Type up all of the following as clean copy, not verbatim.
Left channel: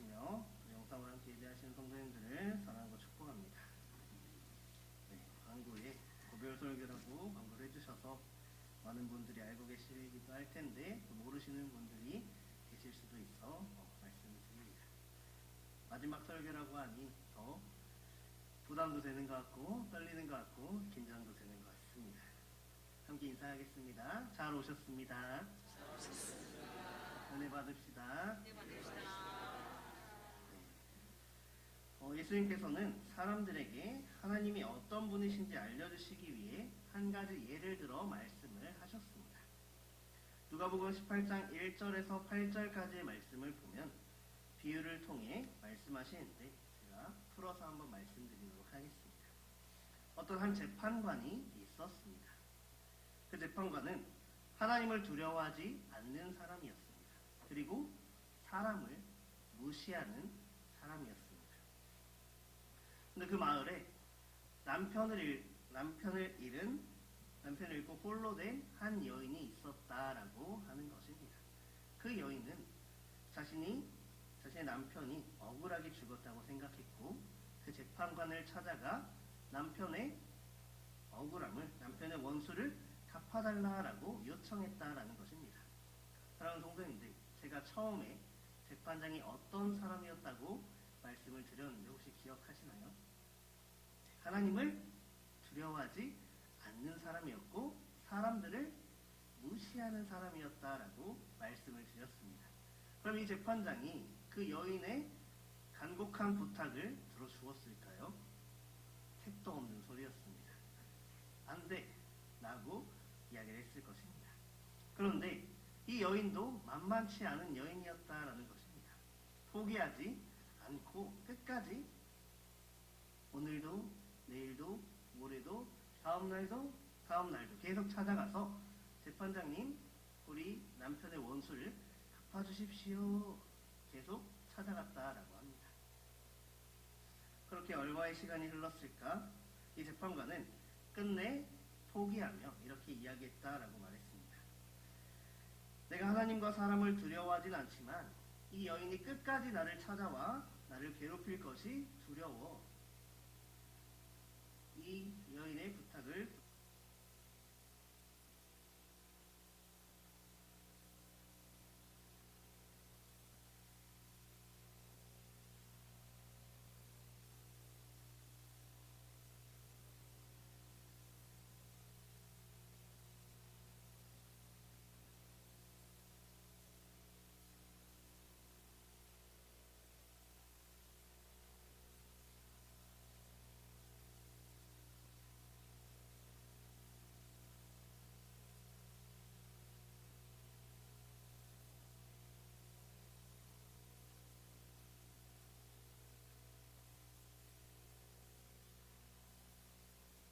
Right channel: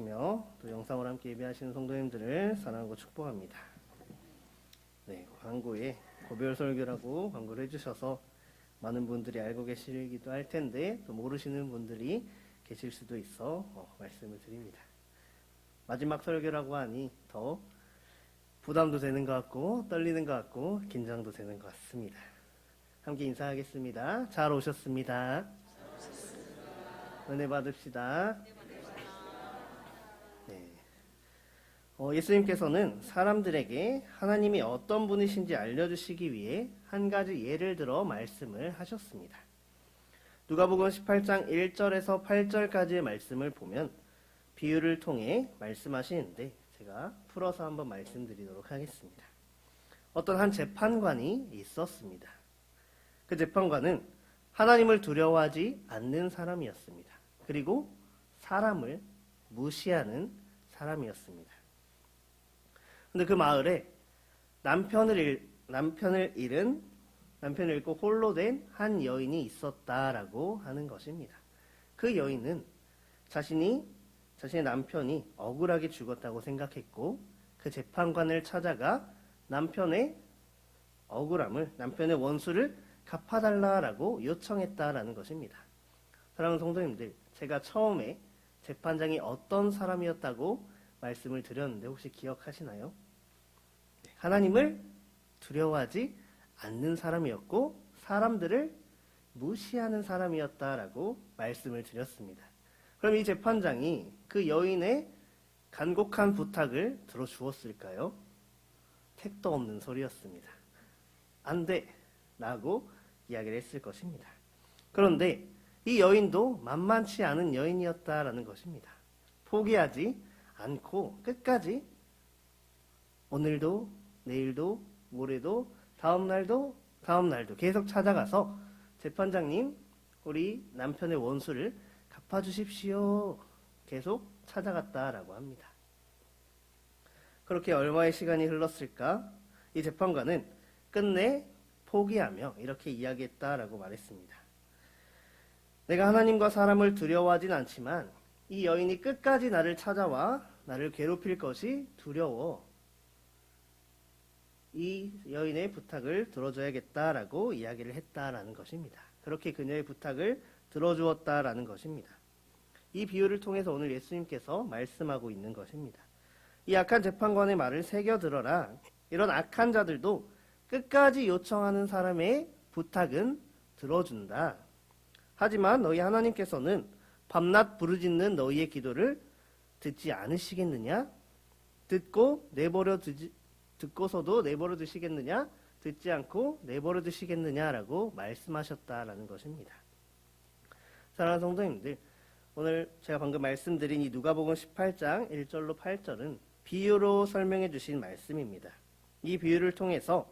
들으시며 또 영상으로 함께 예배하시는 성도님들을 사랑하고 축복합니다. 네, 광고에 고별 설교라고 광고를 해주셔서 많은 분들이 알고 계시기도 할 텐데 또 모르시는 분들이 계실 수도 있어 말씀을 드립니다. 마지막 설교라고 하니 더 부담도 되는 것 같고 떨리는 것 같고 긴장도 되는 것 같습니다. 함께 인사하겠습니다. 잘 오셨습니다. 은혜 받읍시다. 네. 예수님께서는 사람들에게 하나님이 어떤 분이신지 알려주시기 위해 한 가지 예를 들어 말씀을 하셨습니다. 누가복음 18장 1절에서 8절까지의 말씀을 보면 비유를 통해 말씀하시는데 제가 풀어서 한번 말씀드리도록 하겠습니다. 어떤 한 재판관이 있었습니다. 그 재판관은 하나님을 두려워하지 않는 사람이었습니다. 그리고 사람을 무시하는 사람이었습니다. 근데 그 마을에 남편을 잃고 홀로 된 한 여인이 있었다라고 하는 것입니다. 그 여인은 자신의 남편이 억울하게 죽었다고 생각했고 그 재판관을 찾아가 남편의 억울함을, 남편의 원수를 갚아달라라고 요청했다라는 것입니다. 사랑하는 성도님들, 제가 처음에 재판장이 어떤 사람이었다고 말씀을 드렸는데 혹시 기억하시나요? 하나님을 두려워하지 않는 사람이었고 사람들을 무시하는 사람이었다라고 말씀을 드렸습니다. 그럼 이 재판장이 그 여인의 간곡한 부탁을 들어주었을까요? 택도 없는 소리였습니다. 안 돼! 라고 이야기를 했을 것입니다. 그런데 이 여인도 만만치 않은 여인이었다라는 것입니다. 포기하지 않고 끝까지 오늘도 내일도 모레도 다음날도 계속 찾아가서 재판장님, 우리 남편의 원수를 갚아주십시오. 계속 찾아갔다라고 합니다. 그렇게 얼마의 시간이 흘렀을까? 이 재판관은 끝내 포기하며 이렇게 이야기했다라고 말했습니다. 내가 하나님과 사람을 두려워하진 않지만 이 여인이 끝까지 나를 찾아와 나를 괴롭힐 것이 두려워. 이 여인의 부탁을 들어줘야겠다라고 이야기를 했다라는 것입니다. 그렇게 그녀의 부탁을 들어주었다라는 것입니다. 이 비유를 통해서 오늘 예수님께서 말씀하고 있는 것입니다. 이 악한 재판관의 말을 새겨들어라. 이런 악한 자들도 끝까지 요청하는 사람의 부탁은 들어준다. 하지만 너희 하나님께서는 밤낮 부르짖는 너희의 기도를 듣지 않으시겠느냐? 듣고서도 내버려 두시겠느냐? 듣지 않고 내버려 두시겠느냐라고 말씀하셨다라는 것입니다. 사랑하는 성도님들, 오늘 제가 방금 말씀드린 이 누가복음 18장 1절로 8절은 비유로 설명해 주신 말씀입니다. 이 비유를 통해서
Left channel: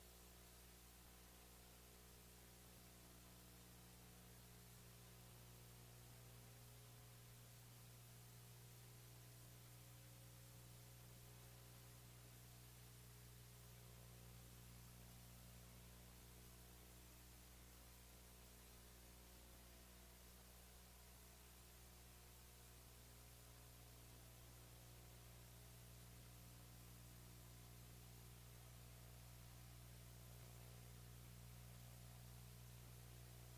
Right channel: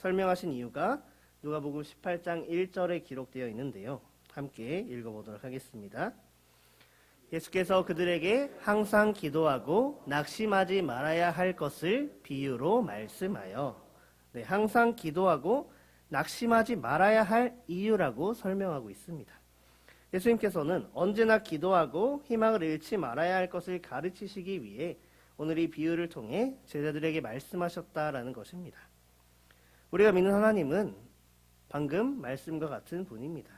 설명하신 이유가 누가복음 18장 1절에 기록되어 있는데요. 함께 읽어보도록 하겠습니다. 예수께서 그들에게 항상 기도하고 낙심하지 말아야 할 것을 비유로 말씀하여, 항상 기도하고 낙심하지 말아야 할 이유라고 설명하고 있습니다. 예수님께서는 언제나 기도하고 희망을 잃지 말아야 할 것을 가르치시기 위해 오늘 이 비유를 통해 제자들에게 말씀하셨다라는 것입니다. 우리가 믿는 하나님은 방금 말씀과 같은 분입니다.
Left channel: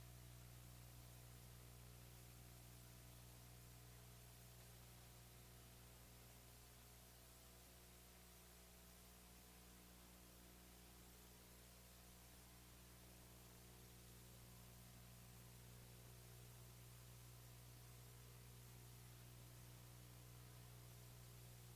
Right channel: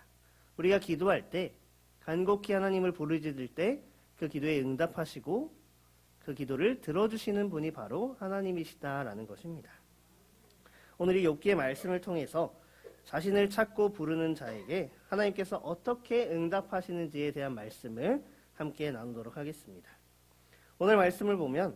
우리가 기도할 때, 간곡히 하나님을 부르짖을 때 그 기도에 응답하시고 그 기도를 들어주시는 분이 바로 하나님이시다라는 것입니다. 오늘 이 욥기의 말씀을 통해서 자신을 찾고 부르는 자에게 하나님께서 어떻게 응답하시는지에 대한 말씀을 함께 나누도록 하겠습니다. 오늘 말씀을 보면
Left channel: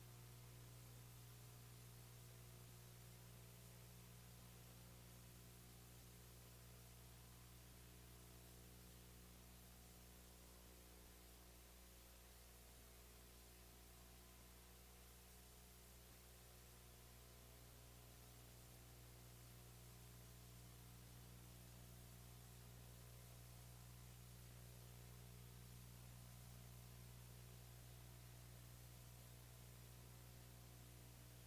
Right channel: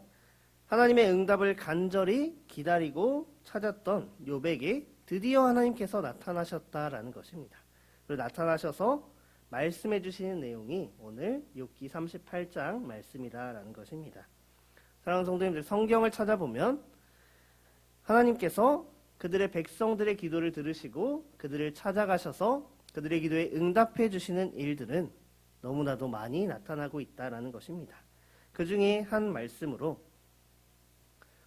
하나님의 응답을 간절히 기다리고 찾았던 욥에게 드디어 하나님께서 나타나셨다라는 것입니다. 그리고 나타나셔서 말씀해 주시는 내용이 오늘 욥기 38장 말씀이다라는 것입니다. 사랑하는 성도님들, 성경을 찾아보면 하나님께서 그들의 백성들의 기도를 들으시고 그들을 찾아가셔서 그들의 기도에 응답해 주시는 일들은 너무나도 많이 나타나고 있다라는 것입니다. 그 중에 한 말씀으로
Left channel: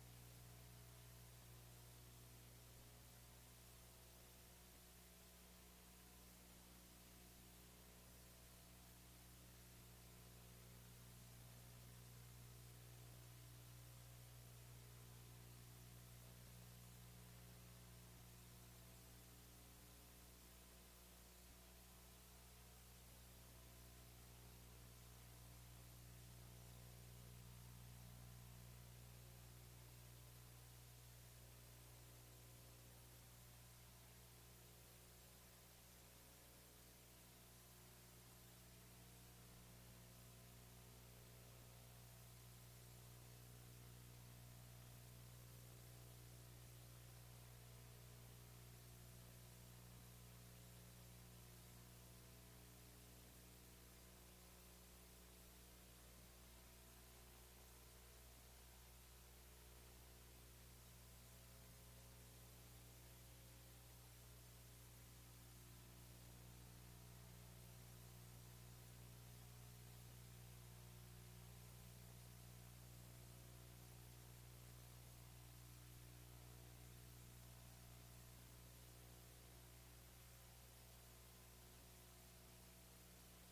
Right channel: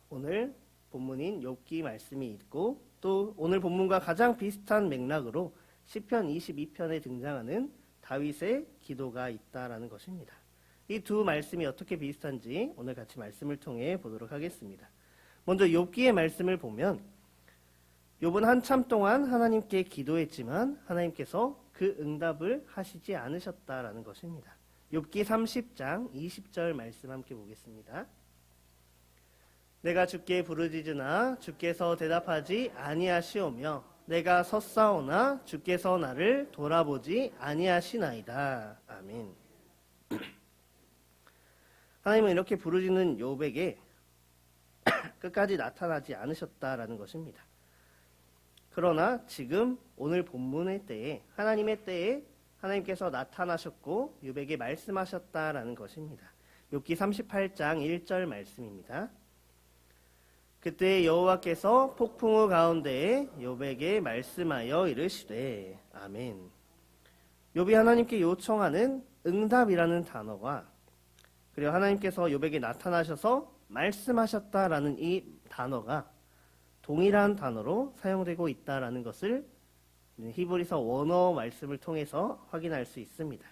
오늘 본문인 욥기 말씀이 있고 또 오늘 본문과 가장 비슷한 맥락으로 시편 22편에 등장하는 다윗의 기도가 있다라는 것입니다. 이 두 말씀이 어떻게 비슷한지 오늘 같이 말씀을 통해 보도록 하겠습니다. 먼저 욥기의 말씀을 보면 욥은 한참 동안 하나님께 기도했지만 하나님께서 그 응답을 하시지 않으셨다라는 것입니다. 욥기 30장 20절 말씀 함께 보겠습니다. 내가 주께 부르짖으나 주께서 대답하지 아니하시오며 내가 섰사오나 주께서 나를 돌아보지 아니하시나이다. 아멘. 하나님은 이렇게 부르짖는 욥에게 끝까지 나타나지 않으셨다라는 것입니다. 그러나 지금 오늘 본문의 때에 하나님의 때에 하나님께서 나타나셨고 욥에게 말씀하셨다라는 것입니다. 욥기 38장 1절 말씀입니다. 그때 여호와께서 폭풍우 가운데에 욥에게 말씀하여 이르시되 아멘. 욥이 하나님께 요청하는 응답이라는 단어와 그리고 하나님께서 욥에게 나타나셔서 말씀하셨다라는 이 단어가 동일한 단어로 사용되고 있다라는 것을 히브리서 원어 말씀을 통해서 확인할 수 있습니다.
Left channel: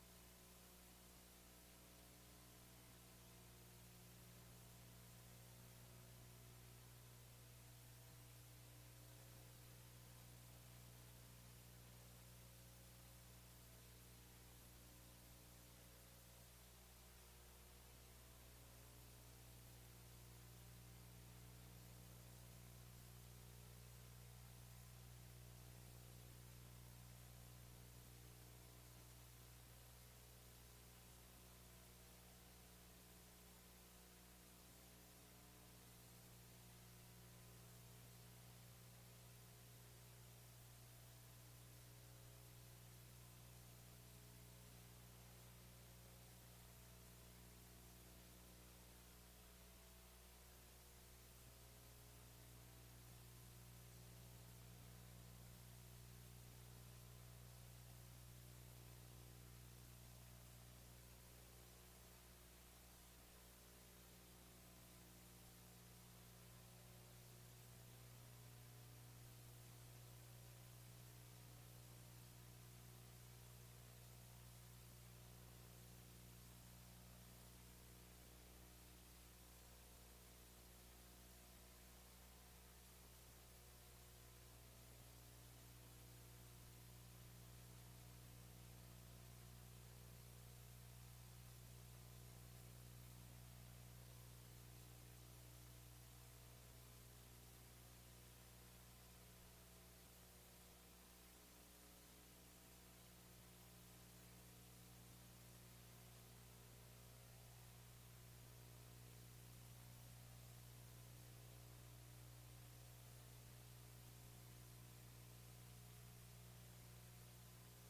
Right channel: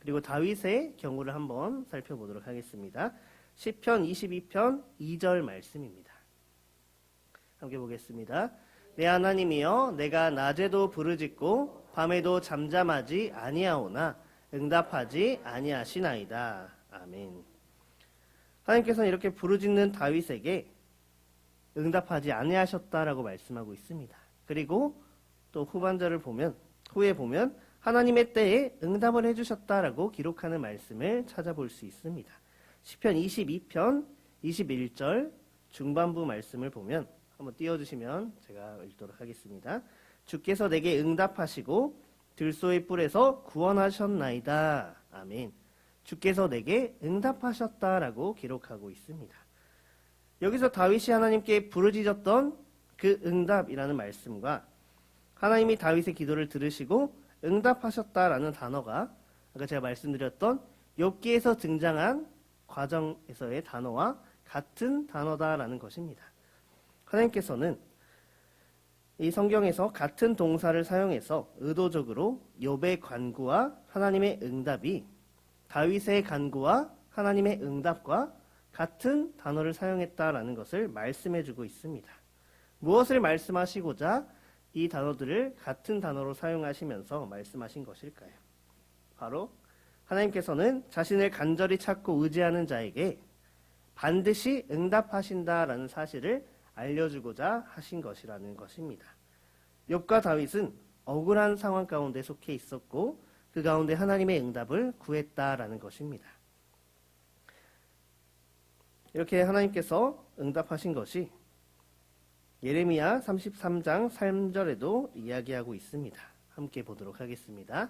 그리고 다윗의 경우를 한번 살펴보도록 하겠습니다. 시편 22편 2절 말씀입니다. 함께 보겠습니다. 내 하나님이여 내가 낮에도 부르짖고 밤에도 잠잠하지 아니하오나 응답하지 아니하시나이다. 아멘. 하나님께서는 이렇게 부르짖는 다윗에게 응답하지 아니하셨다라고 말씀하고 있습니다. 그리고 또 후에 보면 하나님의 때에 응답을 해주셨다라고 기록하는 말씀을 찾아볼 수 있습니다. 시편 22편 21절 중반부 말씀을 보면 한번 띄워주시면 제가 읽도록 하겠습니다. 주께서 내게 응답하시고 들소의 뿔에서 구원하셨나이다. 아멘. 주께서 내게 응답하셨다라고 기록하고 있습니다. 여기서 다윗이 하나님께 부르짖었던 그 응답이라는 말씀과 하나님이 다윗의 기도를 들으시고 응답하셨다라는 단어가 아까 제가 말씀드렸던 욥기에서 등장한 과정에서의 단어와 같은 단어다라는 것입니다. 하나님께서는 이 성경에서 같은 동사를 사용해서 의도적으로 욥의 간구와 하나님의 응답이 다윗의 간구와 하나님의 응답과 같은 단어를 사용했다라는 것을 말씀해주고 있습니다. 무엇을 말씀하시고자 이 단어들을 같은 단어로 사용하시면서 말씀하신 것일까요? 바로 하나님께서는 자신을 간절히 찾고 의지하는 자에게 반드시 응답하신다라는 사실을 알려주고자 하신 것이라는 것입니다. 욥과 다윗은 억울한 상황 가운데 속해 있었고 그 가운데 하나님의 응답을 구했다라는 것입니다. 이렇게 하나님께서 응답하신 것이 예레미야 33장 3절에도 이야기하고 있습니다. 함께 보도록 하겠습니다.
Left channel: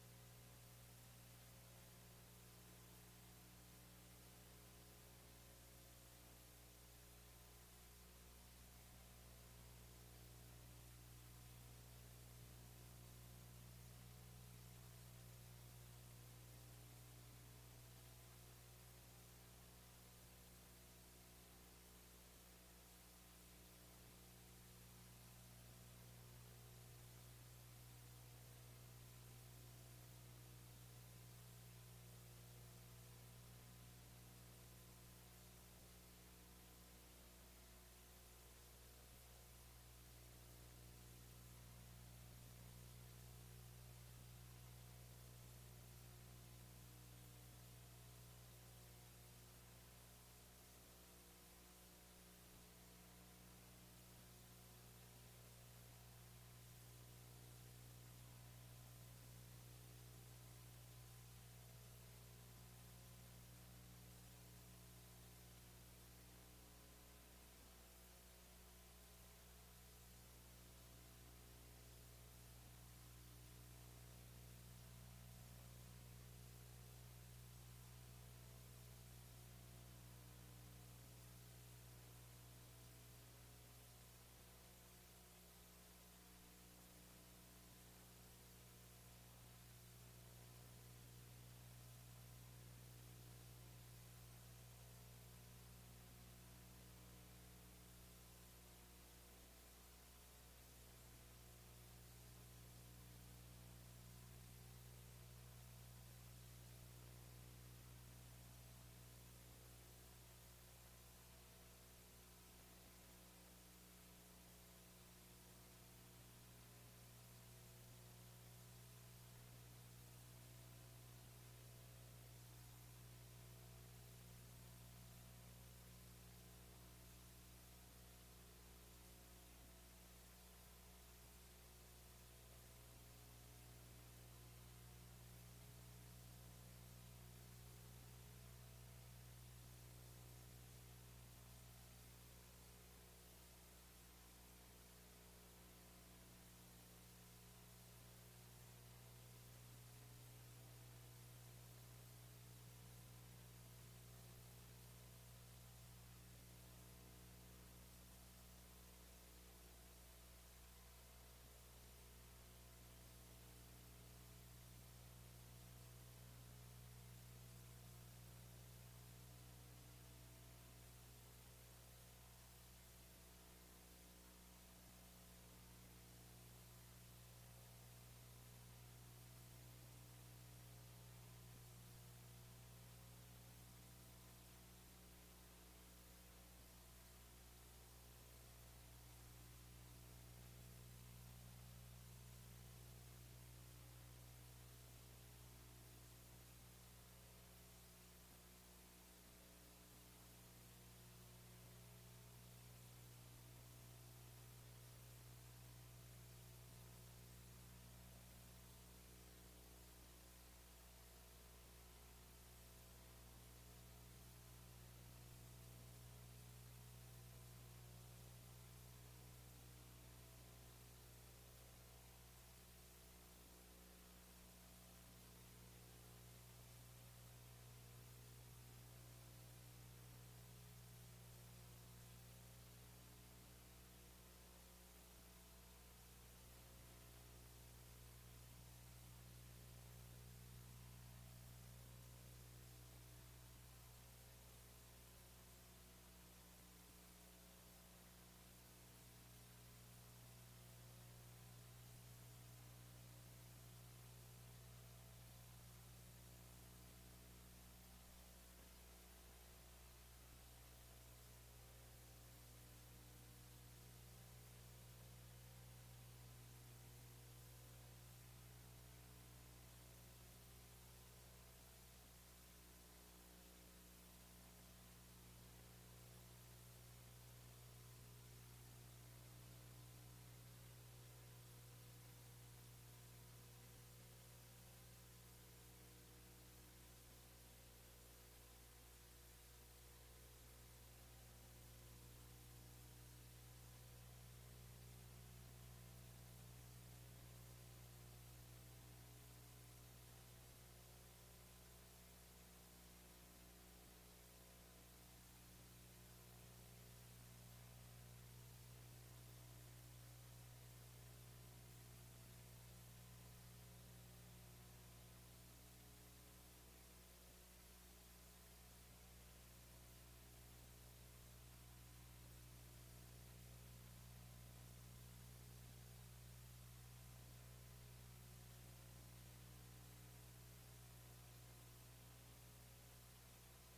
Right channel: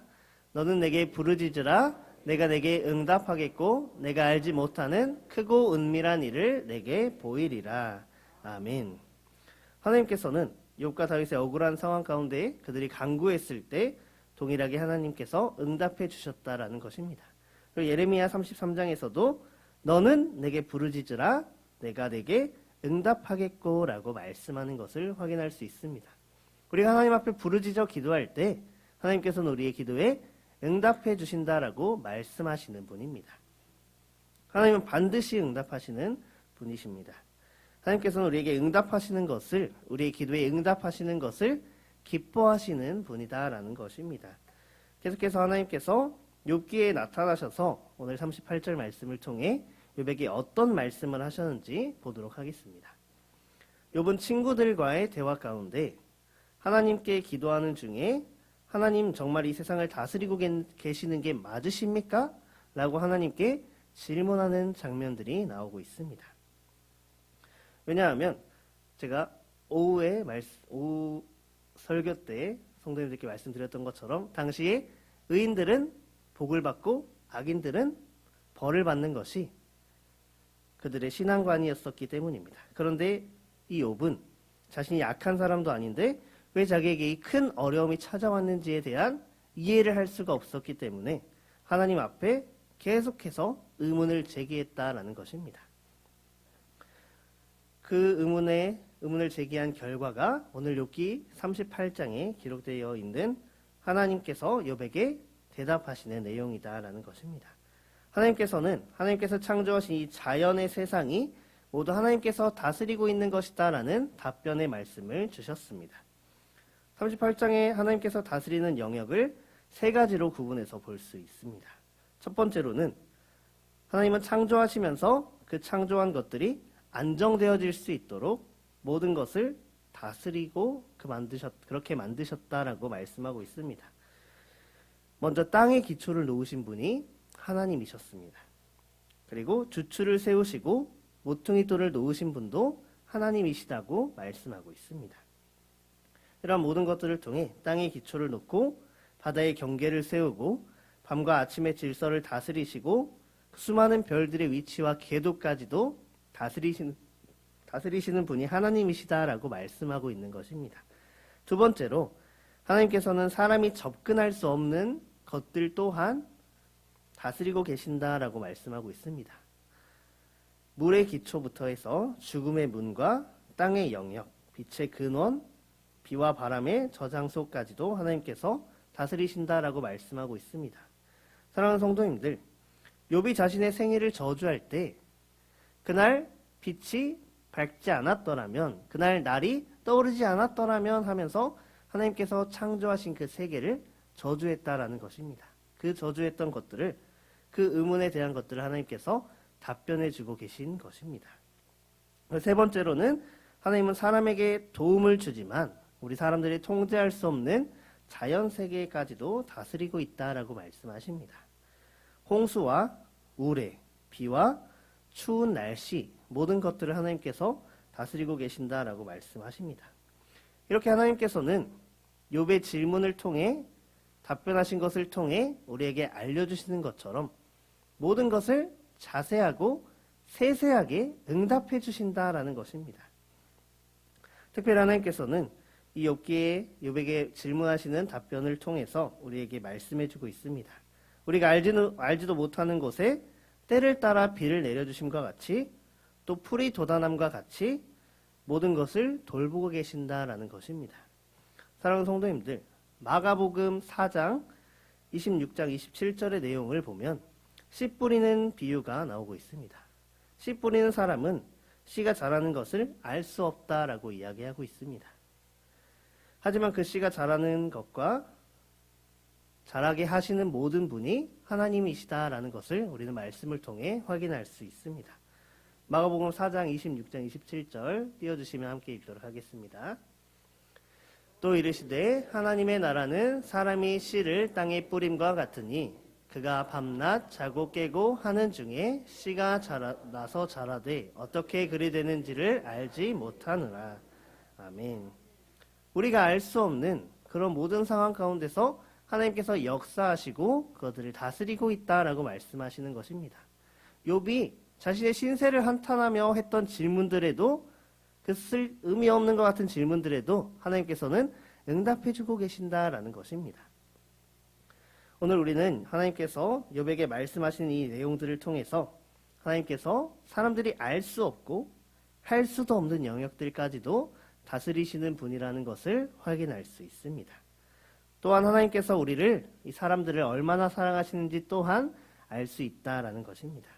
너는 내게 부르짖으라 내가 내게 응답하겠고 내가 알지 못하는 크고 은밀한 일을 내게 보이리라. 아멘. 하나님께서는 욥과 다윗의 억울한 상황 가운데 그들이 간구했을 때 동일하게 하나님께서 응답해 주셨다라는 것입니다. 그리고 예레미야 33장에서도 너는 내게 부르짖으라 내가 내게 응답하겠고 라고 말씀하는 것을 확인할 수 있습니다. 우리가 하나님 앞에 부르짖어 기도할 때 하나님께서는 우리의 기도에 응답해 주신다라고 말씀하시는 분입니다. 하나님은 반드시 응답하시는 분이십니다. 하나님께서는 우리에게 응답하시는 것을 우리의 기도에 응답하시는 것을 기뻐하시는 분이다라는 것입니다. 계속해서 하나님께서 욥기에 나타나셔서 오늘 38절 말씀을 통해 욥에게 어떤 말씀을 하셨는지 보도록 하겠습니다. 욥은 친구들과의 대화 가운데 하나님께 기도하는 중에 하나님 정말 이 세상을 다스리고 계시는 게 맞으십니까? 라고 하나님께 질문하는 장면들이 나오고 있습니다. 왜냐하면 제가 오후 설교 때 성도님들께 말씀드렸던 것처럼 당시에 의인들은 복을 받고 악인들은 벌을 받는 것이 그들의 신앙관이었었기 때문입니다. 그런데 이 욥은 자신이 약한 사람도 아닌데 왜 자기에게 이 큰 어려움이 찾아왔는지에 대한 이해를 할 수가 없었기 때문에 하나님 앞에 계속해서 의문을 제기했다라는 것입니다. 그 의문을 제기한 결과가 오늘 욥기 38장에 기록되어 있는 하나님께서 욥에게 대답하시는 내용이다라는 것입니다. 하나님께서 창조하신 이 자연의 세상이 모두 하나님께서 다스리고 있는 것이다 라는 답변의 말씀을 주셨습니다. 38장에 하나님께서 다스리는 영역을 세 가지로 구분해서 볼 수 있습니다. 첫 번째로는 하나님은 창조하시면서 그 창조한 것들이 안정되어질 수 있도록 모든 것을 다스리고 그렇게 만드셨다라고 말씀하고 있습니다. 먼저 땅의 기초를 놓으신 분이 하나님이셨습니다. 그리고 주추를 세우시고 모퉁이돌을 놓으신 분도 하나님이시다고 말씀하고 있습니다. 이러한 모든 것들을 통해 땅의 기초를 놓고 바다의 경계를 세우고 밤과 아침의 질서를 다스리시고 수많은 별들의 위치와 궤도까지도 다스리시는 분이 하나님이시다라고 말씀하고 있는 것입니다. 두 번째로 하나님께서는 사람이 접근할 수 없는 것들 또한 다스리고 계신다라고 말씀하고 있습니다. 물의 기초부터 해서 죽음의 문과 땅의 영역, 빛의 근원, 비와 바람의 저장소까지도 하나님께서 다스리신다라고 말씀하고 있습니다. 사랑하는 성도님들, 욥이 자신의 생일을 저주할 때 그날 빛이 밝지 않았더라면, 그날 날이 떠오르지 않았더라면 하면서 하나님께서 창조하신 그 세계를 저주했다라는 것입니다. 그 저주했던 것들을, 그 의문에 대한 것들을 하나님께서 답변해 주고 계신 것입니다. 세 번째로는 하나님은 사람에게 도움을 주지만 우리 사람들이 통제할 수 없는 자연 세계까지도 다스리고 있다라고 말씀하십니다. 홍수와 우레, 비와 추운 날씨, 모든 것들을 하나님께서 다스리고 계신다라고 말씀하십니다. 이렇게 하나님께서는 욥의 질문을 통해 답변하신 것을 통해 우리에게 알려주시는 것처럼 모든 것을 자세하고 세세하게 응답해 주신다라는 것입니다. 특별히 하나님께서는 이 욥에게 질문하시는 답변을 통해서 우리에게 말씀해 주고 있습니다. 우리가 알지도 못하는 곳에 때를 따라 비를 내려주심과 같이 또 풀이 돋아남과 같이 모든 것을 돌보고 계신다라는 것입니다. 사랑하는 성도님들, 마가복음 4장 26장 27절의 내용을 보면 씨 뿌리는 비유가 나오고 있습니다. 씨 뿌리는 사람은 씨가 자라는 것을 알 수 없다라고 이야기하고 있습니다. 하지만 그 씨가 자라는 것과 자라게 하시는 모든 분이 하나님이시다라는 것을 우리는 말씀을 통해 확인할 수 있습니다. 마가복음 4장 26장 27절 띄워주시면 함께 읽도록 하겠습니다. 또 이르시되 하나님의 나라는 사람이 씨를 땅에 뿌림과 같으니 그가 밤낮 자고 깨고 하는 중에 씨가 나서 자라되 어떻게 그리 되는지를 알지 못하느라. 아멘. 우리가 알 수 없는 그런 모든 상황 가운데서 하나님께서 역사하시고 그것들을 다스리고 있다라고 말씀하시는 것입니다. 욥이 자신의 신세를 한탄하며 했던 질문들에도, 그 의미 없는 것 같은 질문들에도 하나님께서는 응답해주고 계신다라는 것입니다. 오늘 우리는 하나님께서 욥에게 말씀하신 이 내용들을 통해서 하나님께서 사람들이 알 수 없고 할 수도 없는 영역들까지도 다스리시는 분이라는 것을 확인할 수 있습니다. 또한 하나님께서 우리를, 이 사람들을 얼마나 사랑하시는지 또한 알 수 있다라는 것입니다.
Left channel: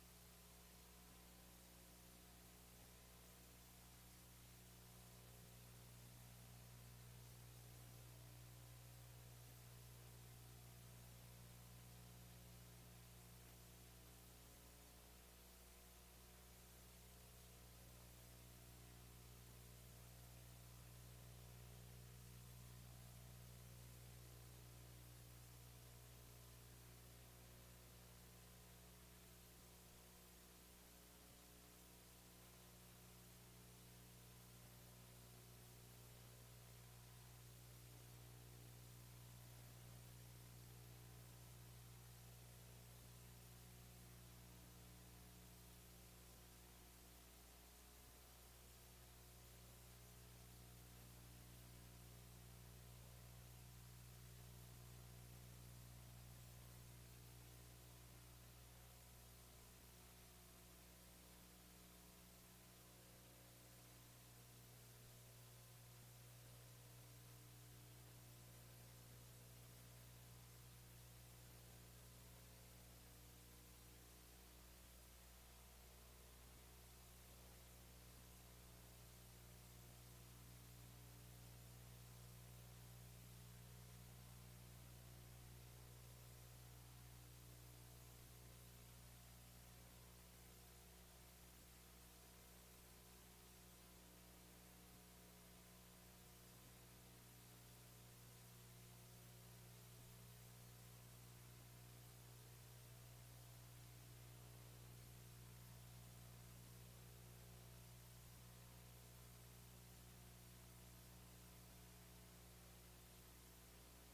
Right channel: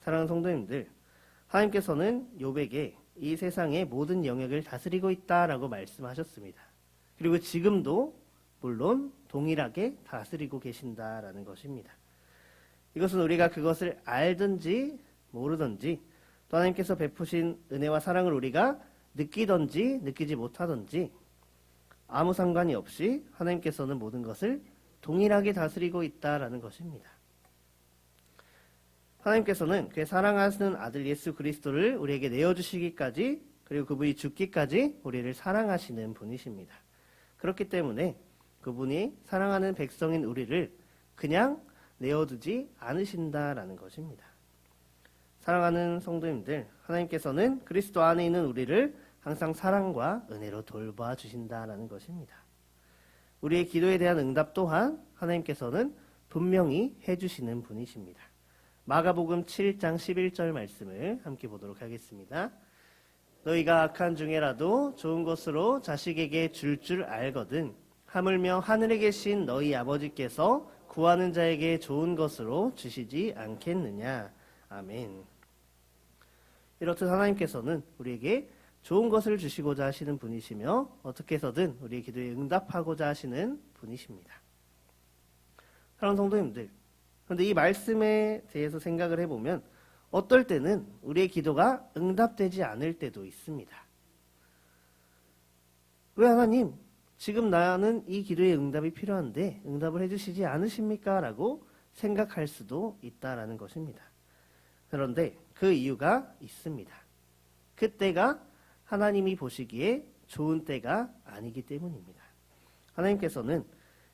사랑하는 성도님들, 하나님께서는 욥에게 이 세상의 모든 영역을 다스리고 있다라고 말씀하셨습니다. 그리고 지금도 물론 동일하게 다스리고 계신다라는 것입니다. 이것은 우리가 그것을 알든지 모르든지 또 하나님께서 베푸신 은혜와 사랑을 우리가 느끼든지 느끼지 못하든지 아무 상관이 없이 하나님께서는 모든 것을 동일하게 다스리고 있다라는 것입니다. 하나님께서는 그의 사랑하시는 아들 예수 그리스도를 우리에게 내어주시기까지, 그리고 그분이 죽기까지 우리를 사랑하시는 분이십니다. 그렇기 때문에 그분이 사랑하는 백성인 우리를 그냥 내어두지 않으신다라는 것입니다. 사랑하는 성도님들, 하나님께서는 그리스도 안에 있는 우리를 항상 사랑과 은혜로 돌봐 주신다라는 것입니다. 우리의 기도에 대한 응답 또한 하나님께서는 분명히 해주시는 분이십니다. 마가복음 7장 11절 말씀을 함께 보도록 하겠습니다. 너희가 악한 중에라도 좋은 것으로 자식에게 줄 알거든 하물며 하늘에 계신 너희 아버지께서 구하는 자에게 좋은 것으로 주시지 않겠느냐. 아멘. 이렇듯 하나님께서는 우리에게 좋은 것을 주시고자 하시는 분이시며 어떻게 해서든 우리의 기도에 응답하고자 하시는 분이십니다. 사랑하는 성도님들, 그런데 이 말씀에 대해서 생각을 해보면 어떨 때는 우리의 기도가 응답되지 않을 때도 있습니다. 왜 하나님, 지금 나는 이 기도에 응답이 필요한데 응답을 해주시지 않으십니까? 라고 생각할 수도 있다라는 것입니다. 그런데 그 이유가 있습니다. 그때가 하나님이 보시기에 좋은 때가 아니기 때문입니다. 하나님께서는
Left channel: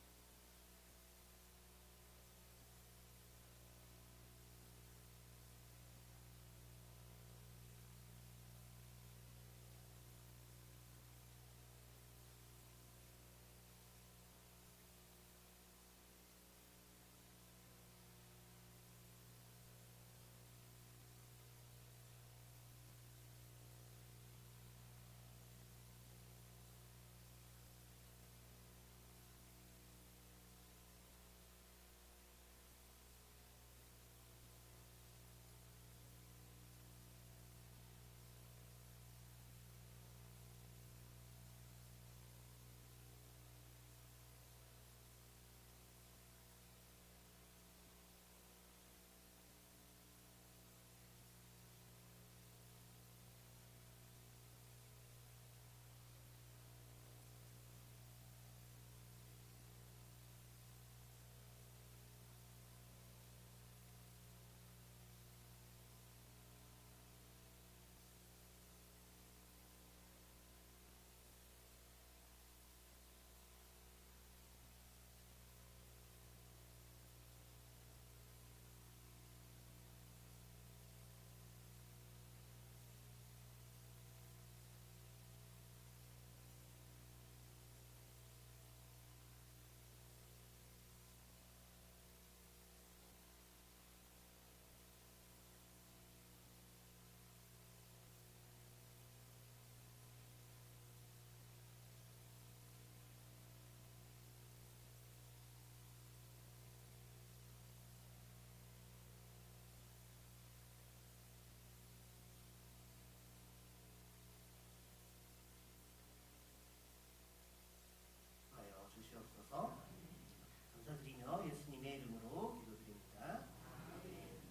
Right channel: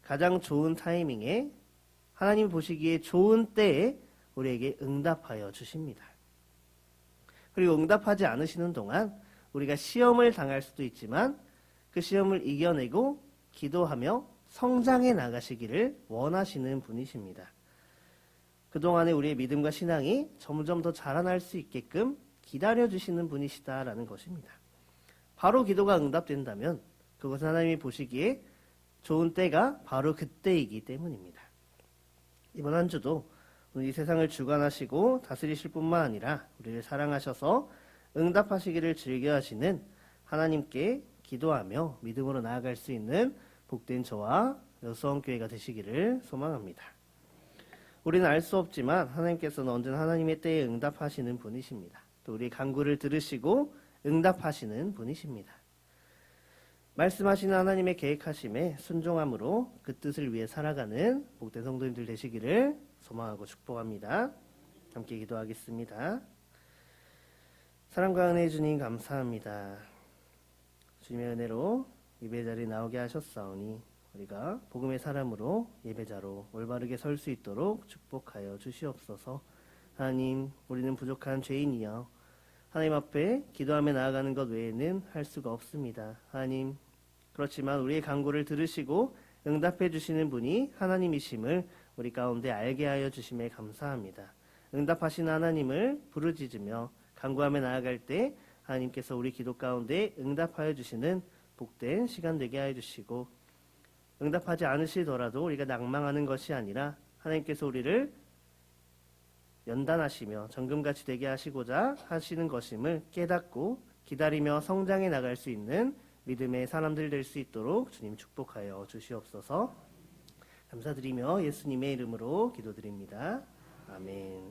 가장 좋은 타이밍에 하나님 보시기에 좋은 때에 우리에게 응답하여 주십니다. 그리고 응답하지 않으시는 동안 우리가 시험을 당할 수도 있지만 그 시험을 이겨내고 기도하며 성장해 나가시기를 원하시는 분이십니다. 그동안에 우리의 믿음과 신앙이 점점 더 자라날 수 있게끔 기다려주시는 분이시다라는 것입니다. 바로 기도가 응답된다면 그것은 하나님이 보시기에 좋은 때가 바로 그때이기 때문입니다. 이번 한 주도 이 세상을 주관하시고 다스리실 뿐만 아니라 우리를 사랑하셔서 응답하시기를 즐겨하시는 하나님께 기도하며 믿음으로 나아갈 수 있는 복된 저와 여수원교회가 되시기를 소망합니다. 우리는 알 수 없지만 하나님께서는 언제나 하나님의 때에 응답하시는 분이십니다. 또 우리의 간구를 들으시고 응답하시는 분이십니다. 말씀하시는 하나님의 계획하심에 순종함으로 그 뜻을 위해 살아가는 복된 성도님들 되시기를 소망하고 축복합니다. 함께 기도하겠습니다. 사랑과 은혜의 주님 감사합니다. 주님의 은혜로 예배 자리에 나오게 하셨사오니 우리가 복음의 사람으로 예배자로 올바르게 설 수 있도록 축복하여 주시옵소서. 하나님, 우리는 부족한 죄인이여 하나님 앞에 기도하며 나아가는 것 외에는 할 수가 없습니다. 하나님, 그렇지만 우리의 간구를 들으시고 응답해 주시는 분이 하나님이심을 우리 가운데 알게 하여 주심에 감사합니다. 응답하신 하나님을 부르짖으며 간구하며 나아갈 때 하나님께서 우리 기도 가운데 응답하여 주시는 복된 시간 되게 하여 주시고, 응답하지 않으시더라도 우리가 낭망하는 것이 아니라 하나님께서 우리를 연단하시며 정금같이 되게 하시고자 하시는 것임을 깨닫고 기다리며 성장해 나갈 수 있는 믿음의 사람들 될 수 있도록 주님 축복하여 주시옵소서. 감사드리며 예수님의 이름으로 기도드립니다. 아멘.